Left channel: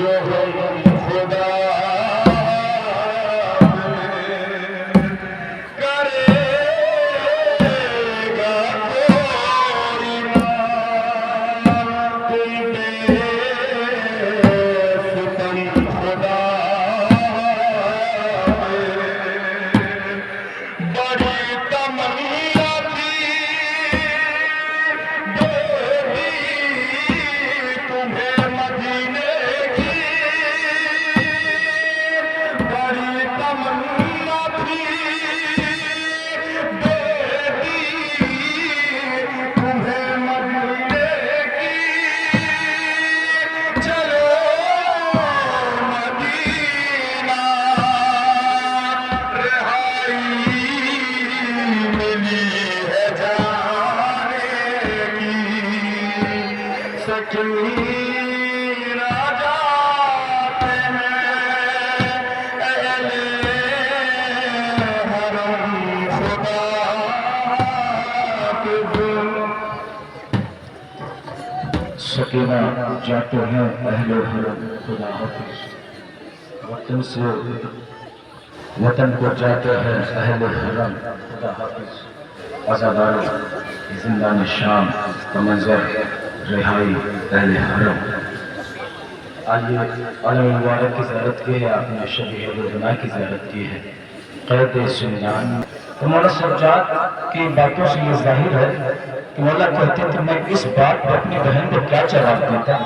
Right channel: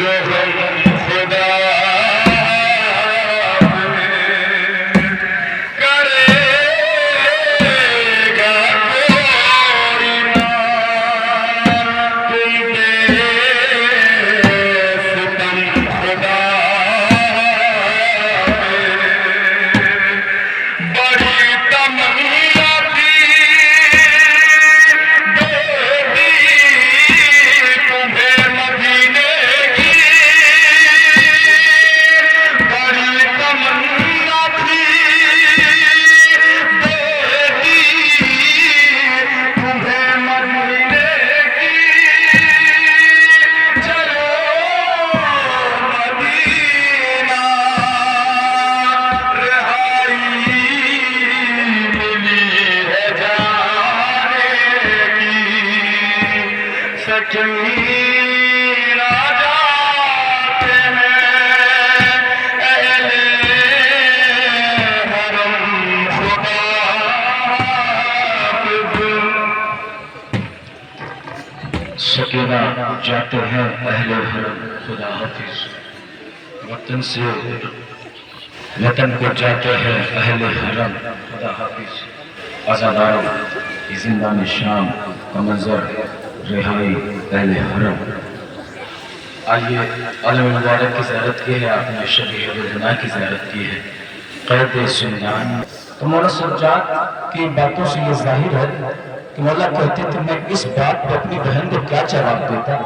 جو ہم خدا سکینہ جاتے ہیں اہل حرم خدا حافظ وطن سے وطن کو جاتے ہیں اہل حرم خدا حافظ عزاداروں زندان شام کا منظر رہائی اہل حرم آئیے عالم مبارک کی زیارت کی ہے آپ نے شبیہ البنا کی زیارت کی ہے قید زندان تو مولا سجاد کی باتوں سے یہ ظاہر ہے کہ مولا کہتے تھے میں اس بات پر اپنی بہن کو کیا جواب دیتا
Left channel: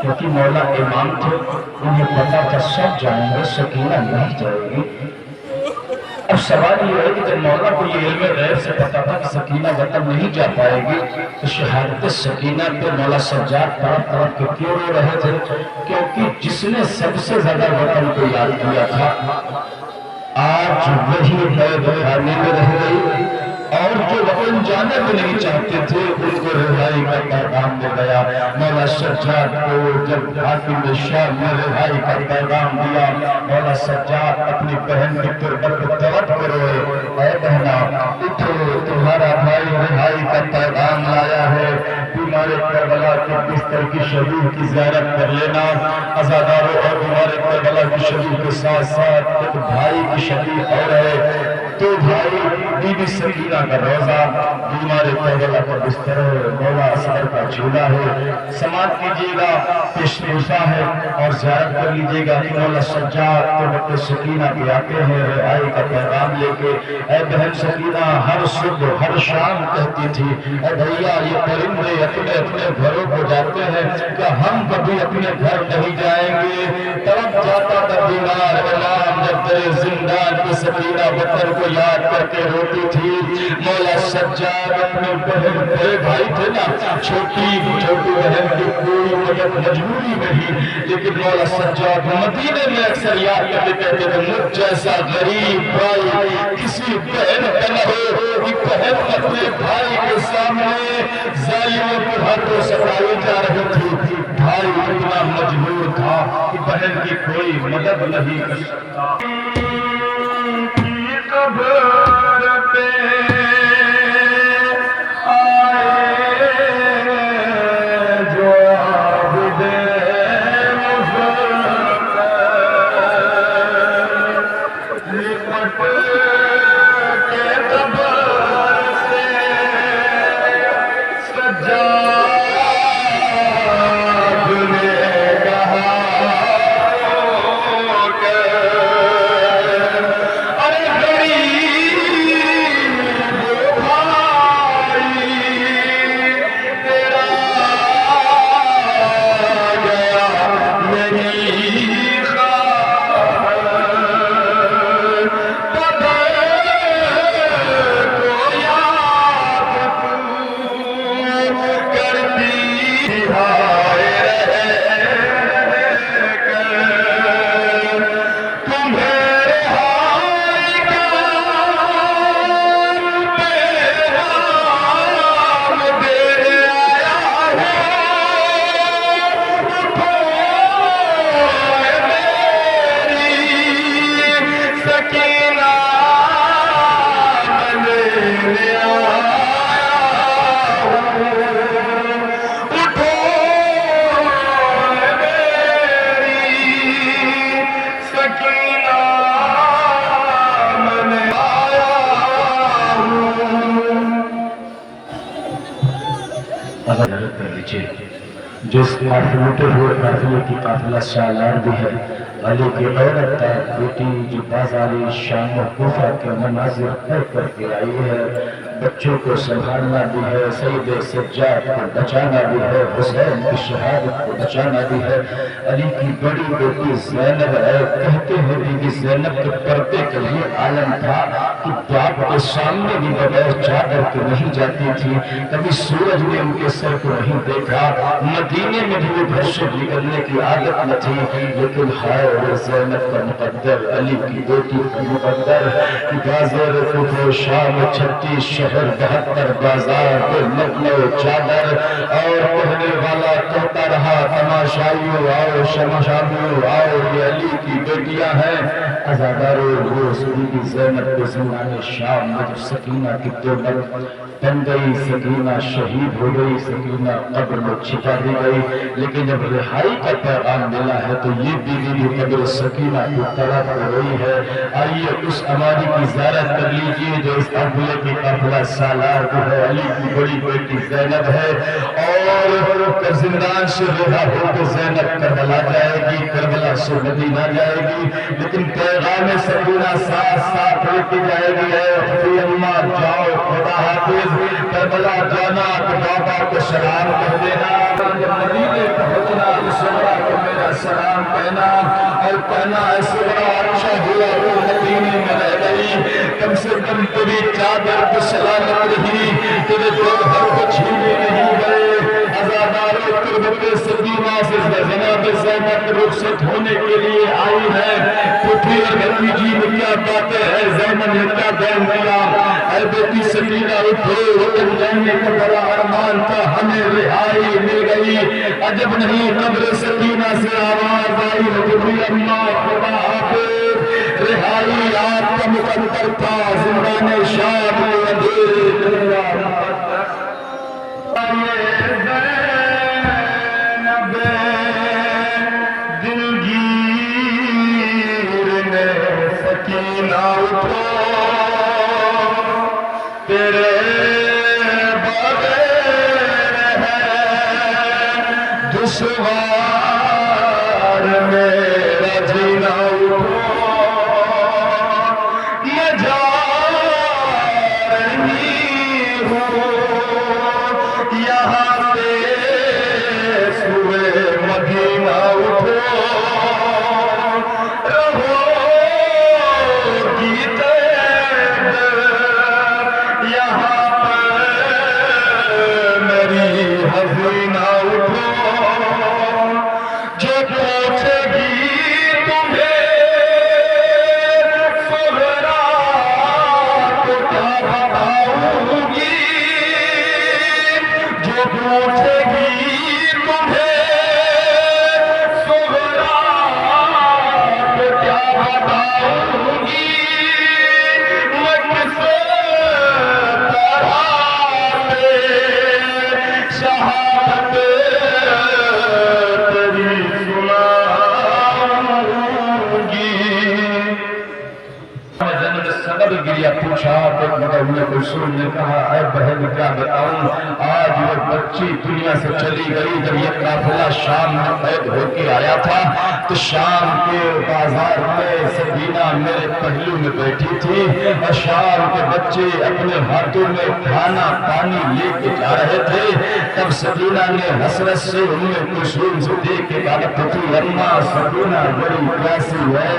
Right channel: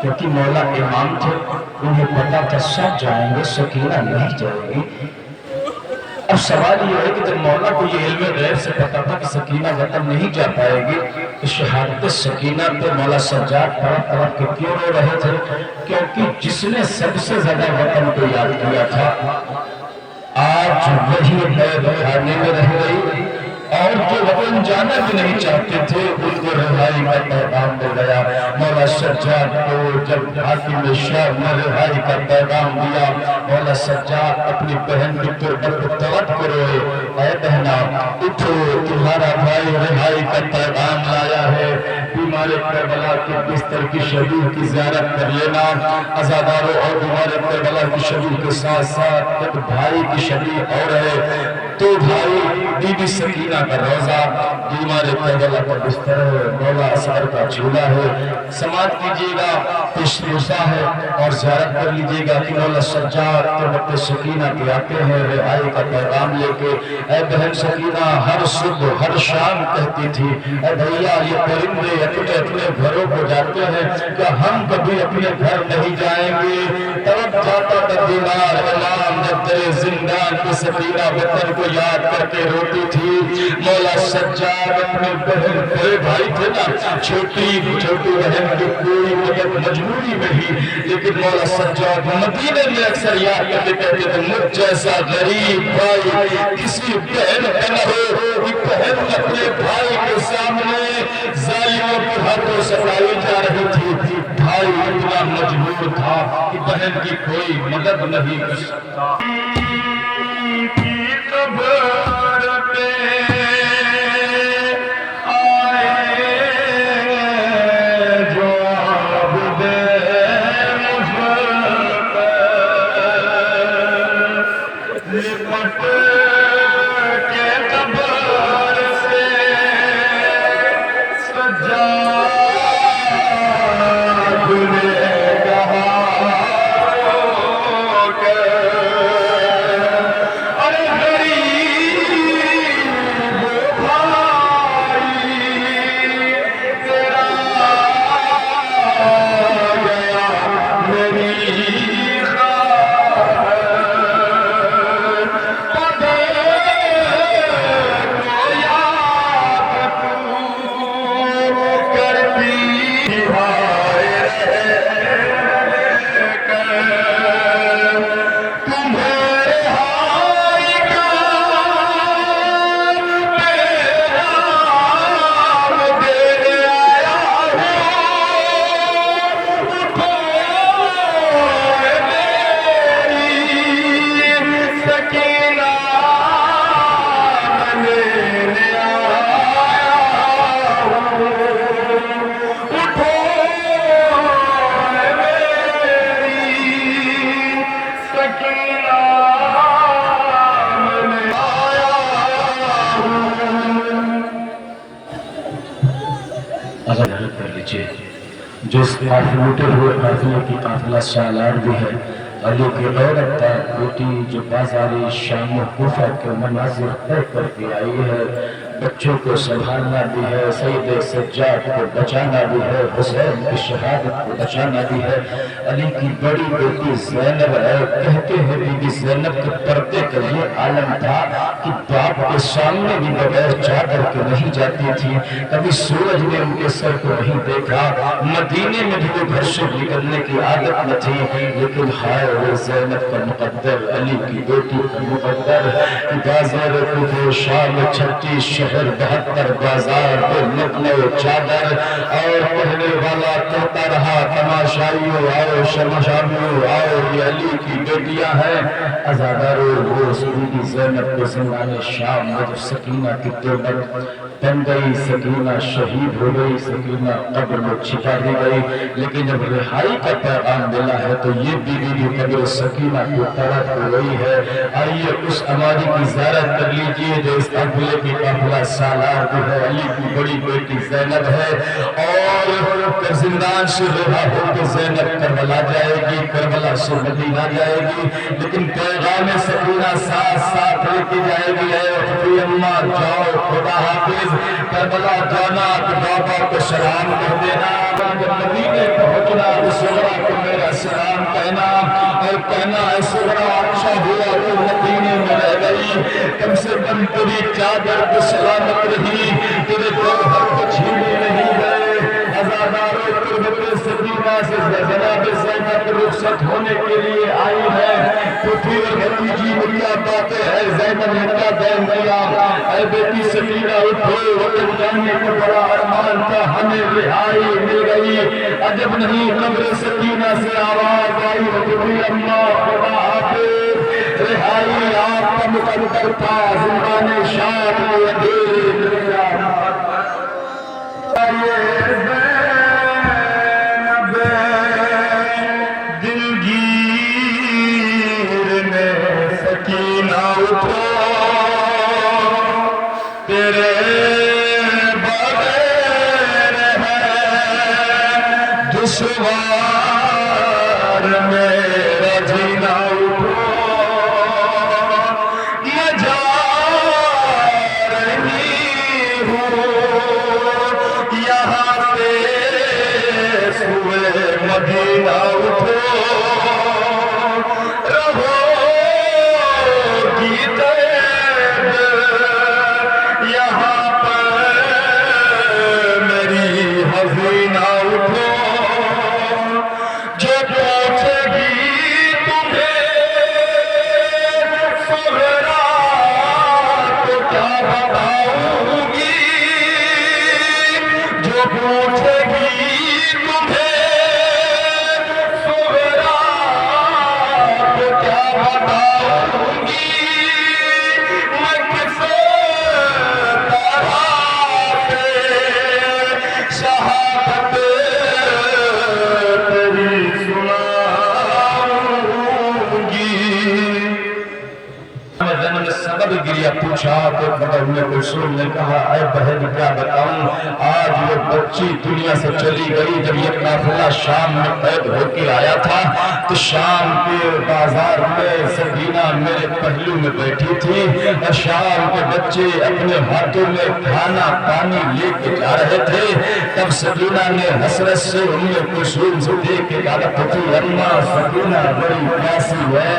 کیونکہ مولا امام تھے انہیں پتا تھا سب جائیں گے سکینہ نہیں جائے گی اب سوال یہ ہے کہ جب مولا کو یہ علم غیب سے پتا تھا کہ سکینہ وطن نہیں جا پائے گی تو شہادت سکینہ پہ مولا سجاد طرف طرف کے کیوں رو رہے تھے کیونکہ جس نے سب سے زیادہ وطن کو یاد کیا تھا آج وہی قید خانے میں رہ گئی اور جو وطن جانا بھی نہیں چاہتے تھے ان کو رہائی کا پیغام دے گیا مولا سجاد کو جب حاکم شام نے رہائی کا پیغام دیا مولا سجاد اپنی بہن کی تربت کو طلب کرو اے بہنا اٹھو تمہارا بھائی رہائی کا پیغام لایا ہے بیمار کربلا کے بستر کی شہید کی زیارت کر لینا عزاداروں اور بیمار کربلا کی شہید کے ساتھ ساتھ ایک بھائی کی شہید اور ہے تو بھائی بی بی سکینہ کا روزہ بیمار کربلا کا بستر ہے مولا اصغر کا جھولا ہے سماعت کیجئے گا پیشروزہ ہے اور زیارت کر لیجئے گا کہ مولا سجاد کے وقت سکینہ کے آتے ہیں رہائی کا پیغام لے کے اے بہن سکینہ ہر صبح ہر شام کہتی تھی اے بھیا یہ پرندے اپنے اپنے گھروں کو جاتے ہیں کیا ہم کبھی اپنے گھر نہیں جائیں گے طرف جاتا تھا بیمار امام جب تیرے زندان کی سکینہ وطن کو یاد کر کے روتی تھی مولا سجاد اپنے بہن بڑے بھائی تھے نا چھوٹی بہن کی کوئی مدد مجبوری میں ہی لیکن مولا سجاد مدینے میں اکثر یاد کرتے کہتے تھے مجھ جیسا غریب بھائی کسی بہن کا نہ ہو کہ بہن اپنے بھائی کے سامنے ظالموں کے ہاتھوں ستائی جا رہی تھی بھائی اتنا مجبور تھا کہ بہن کی کوئی مدد نہیں کر سکتا کیجیے. جس لوٹے ہوئے قافلے کی قافلہ سالار بھی ہے. علی کی عورت بیٹی جو بازاری شام و کوفہ کے مناظر طے کر کے آئی ہے. بچوں کو سنبھالنا بھی ہے، سید سجاد کو بچانا بھی ہے، حسین کی شہادت کو بچانا بھی ہے. علی کی بڑی بیٹی زینب ہے. کہتے ہیں بی بی زینب کے پردے کا یہ عالم تھا کہ باپ کے سامنے بھی بغیر چادر کے نہیں جاتی تھی. کبھی سورج نے ان کے سر کو نہیں دیکھا. مدینے میں بھی وہ گھر سے نکلنے کی عادت نہ تھی. لیکن ہائے وہ زینب کا مقدر، علی کی بیٹی کا مقدر. بازار کوفہ شام 36 شہر 72 بازار پہ نقل و چادر، اور کہنے والا کہتا رہا تماشائیو آؤ، شمشابیو آؤ، یہ علی کی بیٹیاں ہیں. عزادارو وہ بی بی زینب کے زندان شام میں جو سکینہ کی دولت بن گئی، سکینہ شہید ہو گئی، سکینہ قبر میں چھپا دی گئی. لیکن جب رہائی کا پیغام ملا ہے تو یہ بیوی بھی قبر سکینہ کو طلب ہو گئی ہے. آئیے اس اماری کی زیارت کر لیجئے جو اس قافلے کی قافلہ سالار بھی ہے. علی کی بڑی بیٹی زینب ہے، اور زندان سے رہا ہو کے زینب کربلا جائے گی، کربلا سے مدینہ جائے گی. لیکن پیغام سکینہ ساتھ ساتھ لے کے جائے گی. اے اماں جاؤ، خدا حافظ. کربلا جانا تو بابا کو سلام کہہ دینا. جب مدینے پہنچنا تو سغرا کو میرا سلام کہنا، اور کہنا ہے سغرا اچھا ہوا تو مدینے میں رہ گئی. کم سے کم تیری چادر تو سلامت رہی، تیرے گوہر کو چھینے نہیں گئے. عزادارِ تربت سکینہ سے جناب زینب رخصت ہونے کے لیے آئی ہے. پھوپھی اور بھتیجی میں کیا باتیں ہیں، زینب نے کیا بیان کیا. اے بیٹی سکینہ اٹھو، وطن جانے کا بڑا ارمان تھا، ہمیں رہائی مل گئی. عجب نہیں قبر سکینہ سے آواز آئی ہے کہ اماں خدا حافظ. رہائی آپ کا مقدر تھا، زندان شام میں اندھیر گیا. دشوار میرا جینا اٹھو، میں جا رہی ہوں یہاں سے سوئے مدینہ اٹھو. رہو گی تیب یہاں پہ میری حزینہ اٹھو. پوچھا تو ام کلثوم نے کہا اے بہن کیا بتاؤں، آج وہ بچی دنیا سے چلی گئی. جب یہ قافلہ شام میں قید ہو کے آیا تھا تو شام کے بازار میں سکینہ میرے پہلو میں بیٹھی تھی، اور شام کے بچے اپنے ہاتھوں میں کھانا پانی لے کے جا رہے تھے. تب سکینہ نے حسرت سے ام کلثوم سے دیکھ کے کہا تھی اماں سکینہ بڑی پیاسی ہے،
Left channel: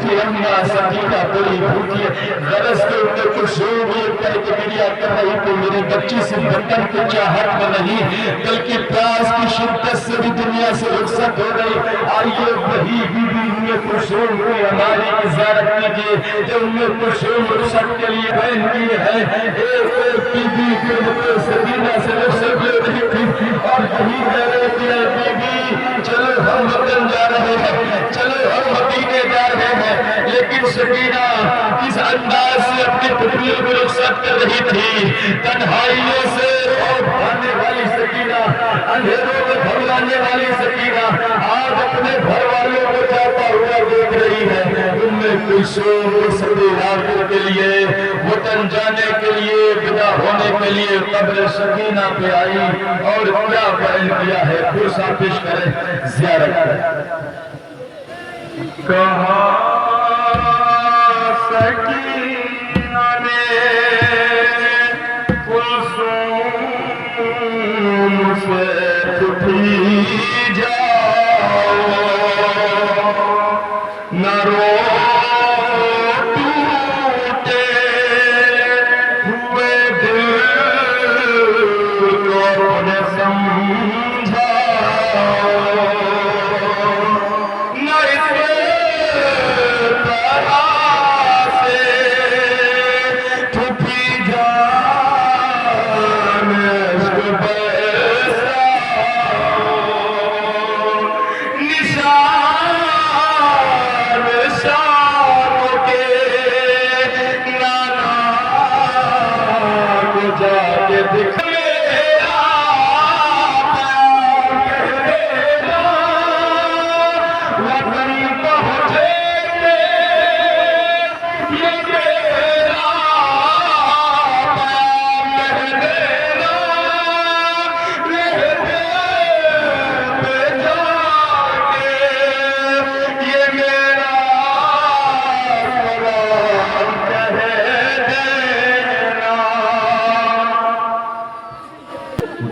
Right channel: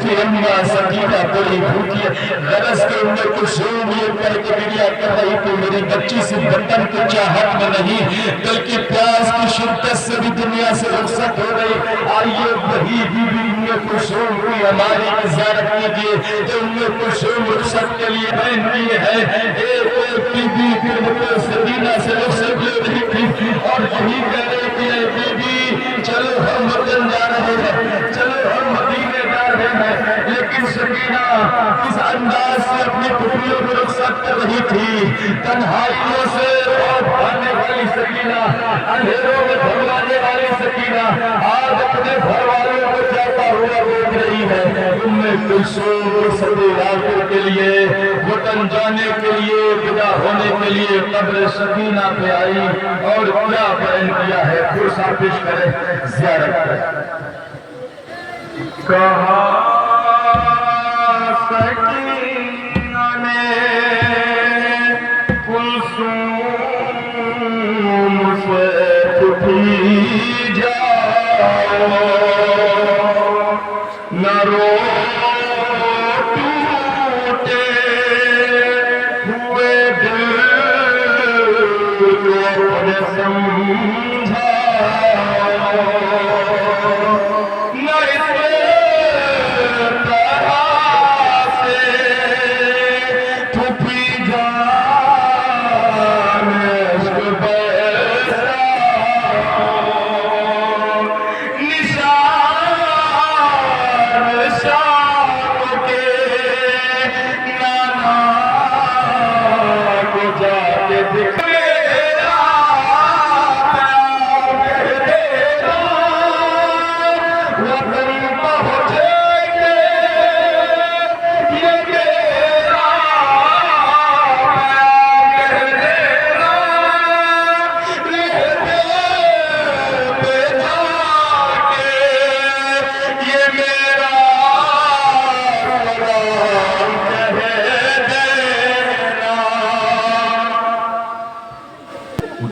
تھی اماں سکینہ بڑی بھوکی ہے. غرض کے ام کلثوم یہ کہہ کے گریہ کر رہی کہ میری بچی سے وطن کی چاہت میں نہیں بلکہ پیاس کی شدت سے بھی دنیا سے رخصت ہو گئی. آئیے وہی بی بی ام کلثوم کی ہماری زیارت کیجیے جو ام کلثوم رخصت کے لیے بہن کی ہے. ایک بی بی پھر سکینہ سے رخصت لے رہی تھی اور یہی کہہ رہے کہ اے بی بی چلو ہم وطن جا رہے ہیں، چلو ہم مدینے جا رہے ہیں. لیکن سکینہ اس انداز سے اپنی پھوپھیوں کو رخصت کر رہی تھی. تنہائیوں سے بھرنے والی سکینہ، اندھیروں میں بھگلانے والی سکینہ آج اپنے گھر والوں کو جاتا ہوا دیکھ رہی ہے. ام کلثوم کے سبھی علاقے کے لیے، وطن جانے کے لیے، ودا ہونے کے لیے قبر سکینہ پہ آئی اور کیا بیان کیا ہے، پرسا پیش کریں زیارت کریں۔ کہا سکینہ نے کلثوم سے اٹھی جاؤ، نہ رو ٹوٹے ہوئے دل کو اپنے سمجھاؤ، نہ اس طرح سے چھپی جان عشق بیسا، نشان شام کے نانا کو جا کے دکھا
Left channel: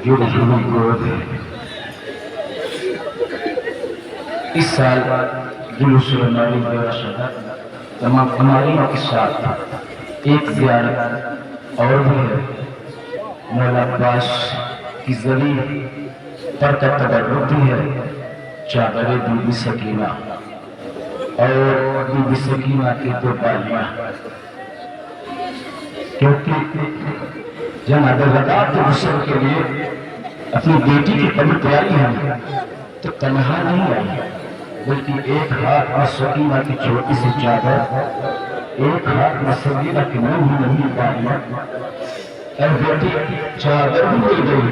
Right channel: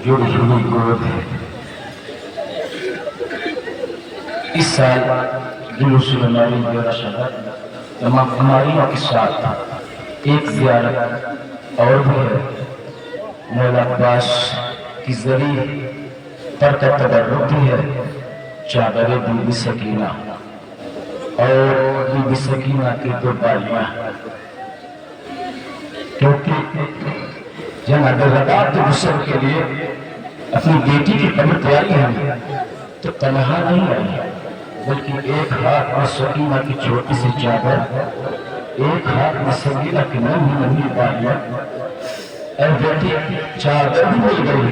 جو رحمی گود ہے۔ اس سال جلوس رمضان میرا شہر تمام ہماریوں کے ساتھ ایک زیارت اور بھی ہے۔ مولا عباس کی زری پر کا تبرک بھی ہے، چادر بی بی سکینہ اور بی بی سکینہ کی دو بالیاں، کیونکہ جناب رکعت غسل کے لیے اپنی بیٹی کی قبر تیاری ہے تو تنہا نہیں آئی، بلکہ ایک ہاتھ میں سکینہ کی چھوٹی سی چادر، ایک ہاتھ میں سکینہ کی ننھی ننھی بالیاں۔ اے بیٹی چادر بھی مل گئی،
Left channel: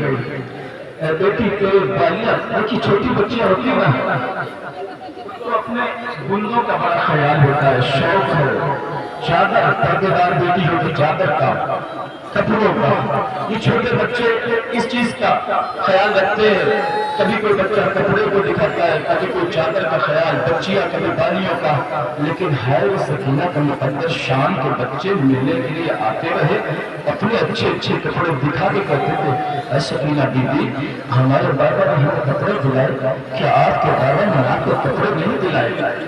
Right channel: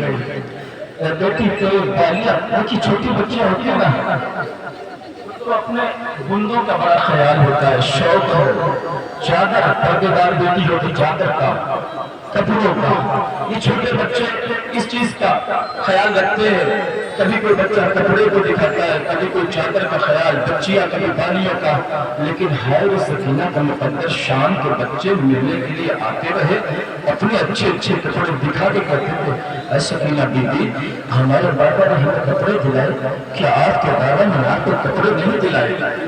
اے بیٹی تیری بالیاں، وہ کی چھوٹی بچیاں ہوتی ہیں نا، تو اپنے گندوں کا بڑا خیال ہوتا ہے، شوق ہے، چادر پردے دار بیٹی ہوتی چادر کا، کپڑوں کا، یہ چھوٹے بچے اس چیز کا خیال رکھتے ہیں، کبھی کوئی بچہ کپڑے کو دکھاتا ہے، کبھی کوئی چادر کا خیال، بچیاں کبھی بالیوں کا، لیکن ہے وہ سکینہ کا مقدر شام کے بچے ملنے کے لیے آتے رہے، اپنے اچھے اچھے کپڑے دکھا کے کہتے تھے اے سکینہ بی بی ہمارے بابا نے ہمیں کپڑے دلائے، کیا آپ کے بابا نے آپ کو کپڑے نہیں دلائے؟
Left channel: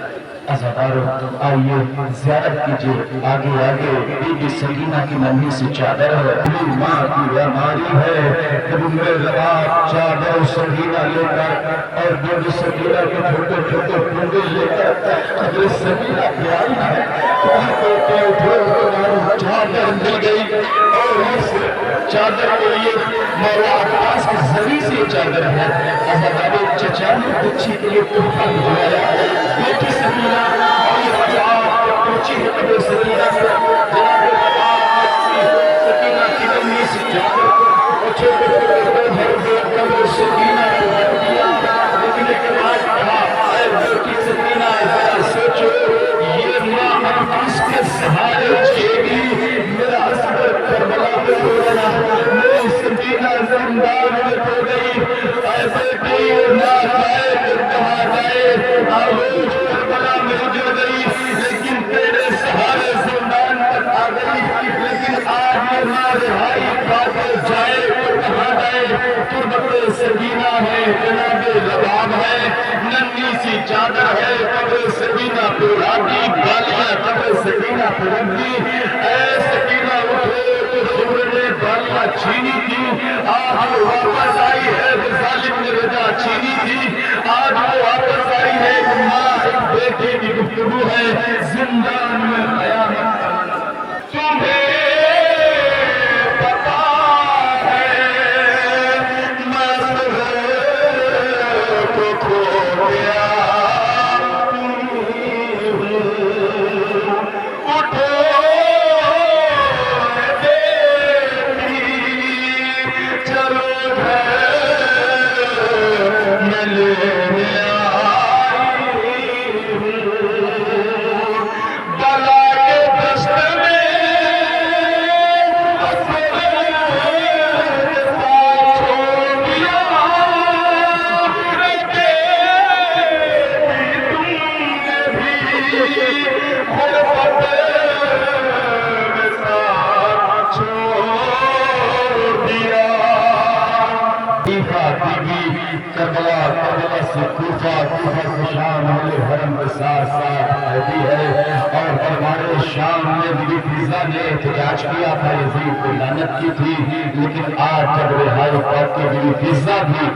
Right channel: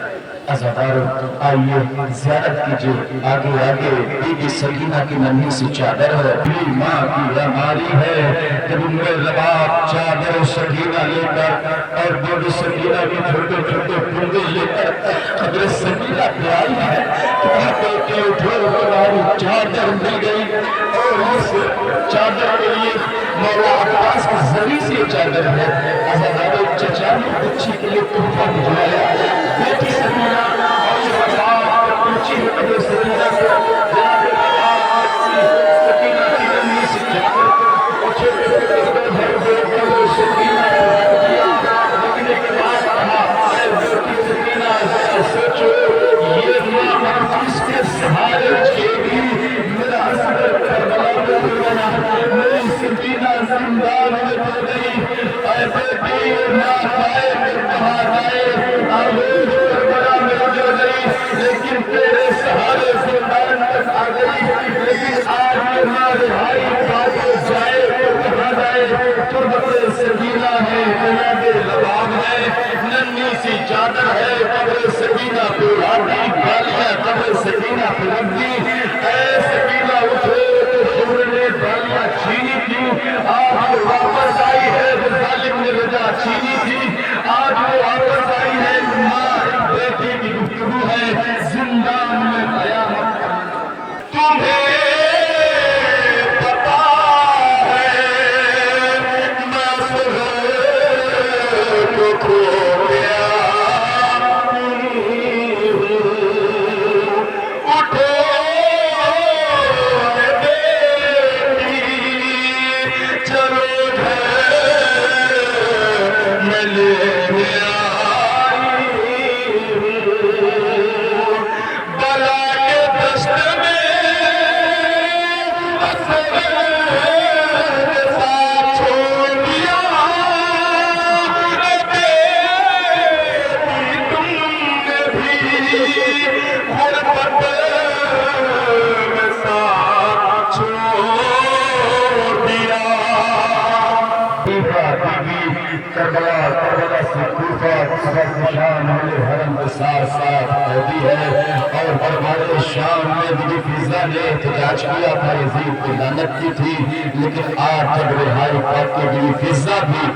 عزادارو آئیے زیارت کیجئے، آگے آگے بی بی سکینہ کی ننھی سی چادر ہے، ماں کی بیماری ہے، جب میرے رباب چادر سکینہ لے کر اور بی بی سکینہ کے چھوٹے چھوٹے پردے لے کر قبر سکینہ پہ آئی ہے، کہا بیٹے اٹھو تمہاری چادر مل گئی، اور اس چادر کے لیے مولا عباس کی زری سی چادر ہے۔ عزادارو چچا نے بچی کے لیے تحفہ بھجوایا، بیٹی سکینہ سکینہ ہے، جناب لباب ہے، ننھی سی چادر ہے، قبر سکینہ پراتی بالیاں قبر سکینہ پرندی، اے سکینہ اٹھو تو شمر نے بالیاں چھینی تھی، آج وہ واپس آئی ہے، ظالم نے رجا چھینی تھی، آج وہ واپس آئی ہے، ماں ایک بیٹی کی گفتگو ہے، زندان میں قیامت کرنا تمہیں کربلا سے کوفہ سے شام اہل حرم کے ساتھ ساتھ قیدی ہے اور ہمارے شام میں بی بی فضہ نے احتجاج کیا تھا یزید کو لعنت کی تھی لیکن آج جب رہائی پاک کے بی بی فضہ بھی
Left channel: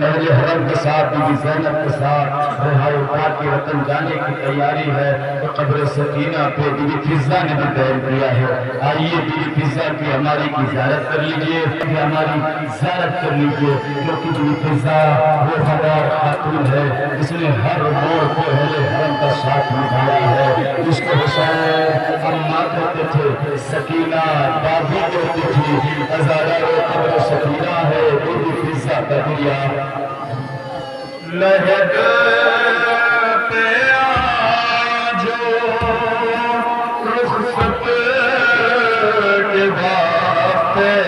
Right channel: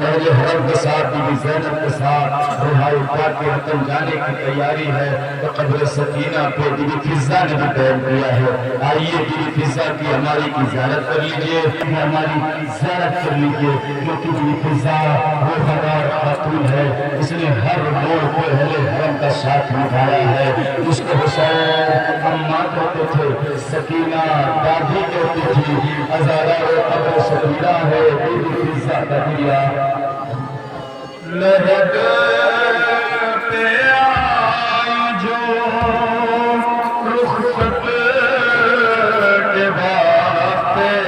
اہل حرم کے ساتھ بی بی زینب کے ساتھ رہائی پاک کے وطن جانے کی تیاری ہے تو قبر سکینہ پہ بی بی فضہ نے بھی بیان کیا ہے آئیے بی بی فضہ کی ہماری کی زیارت کر لیجئے ہماری زیارت کر لیجئے کیونکہ بی بی فضہ وہ ہمار خاتون ہے اس نے ہر موڑ پہ اہل حرم کا ساتھ نبھایا ہے اس کو حسین اماں کہتے تھے سکینہ دادی کہتے تھی ہزارہ قبر سکینہ ہے بی بی فضہ کا دیا لہد پہ آئی جو رخصت کے واسطے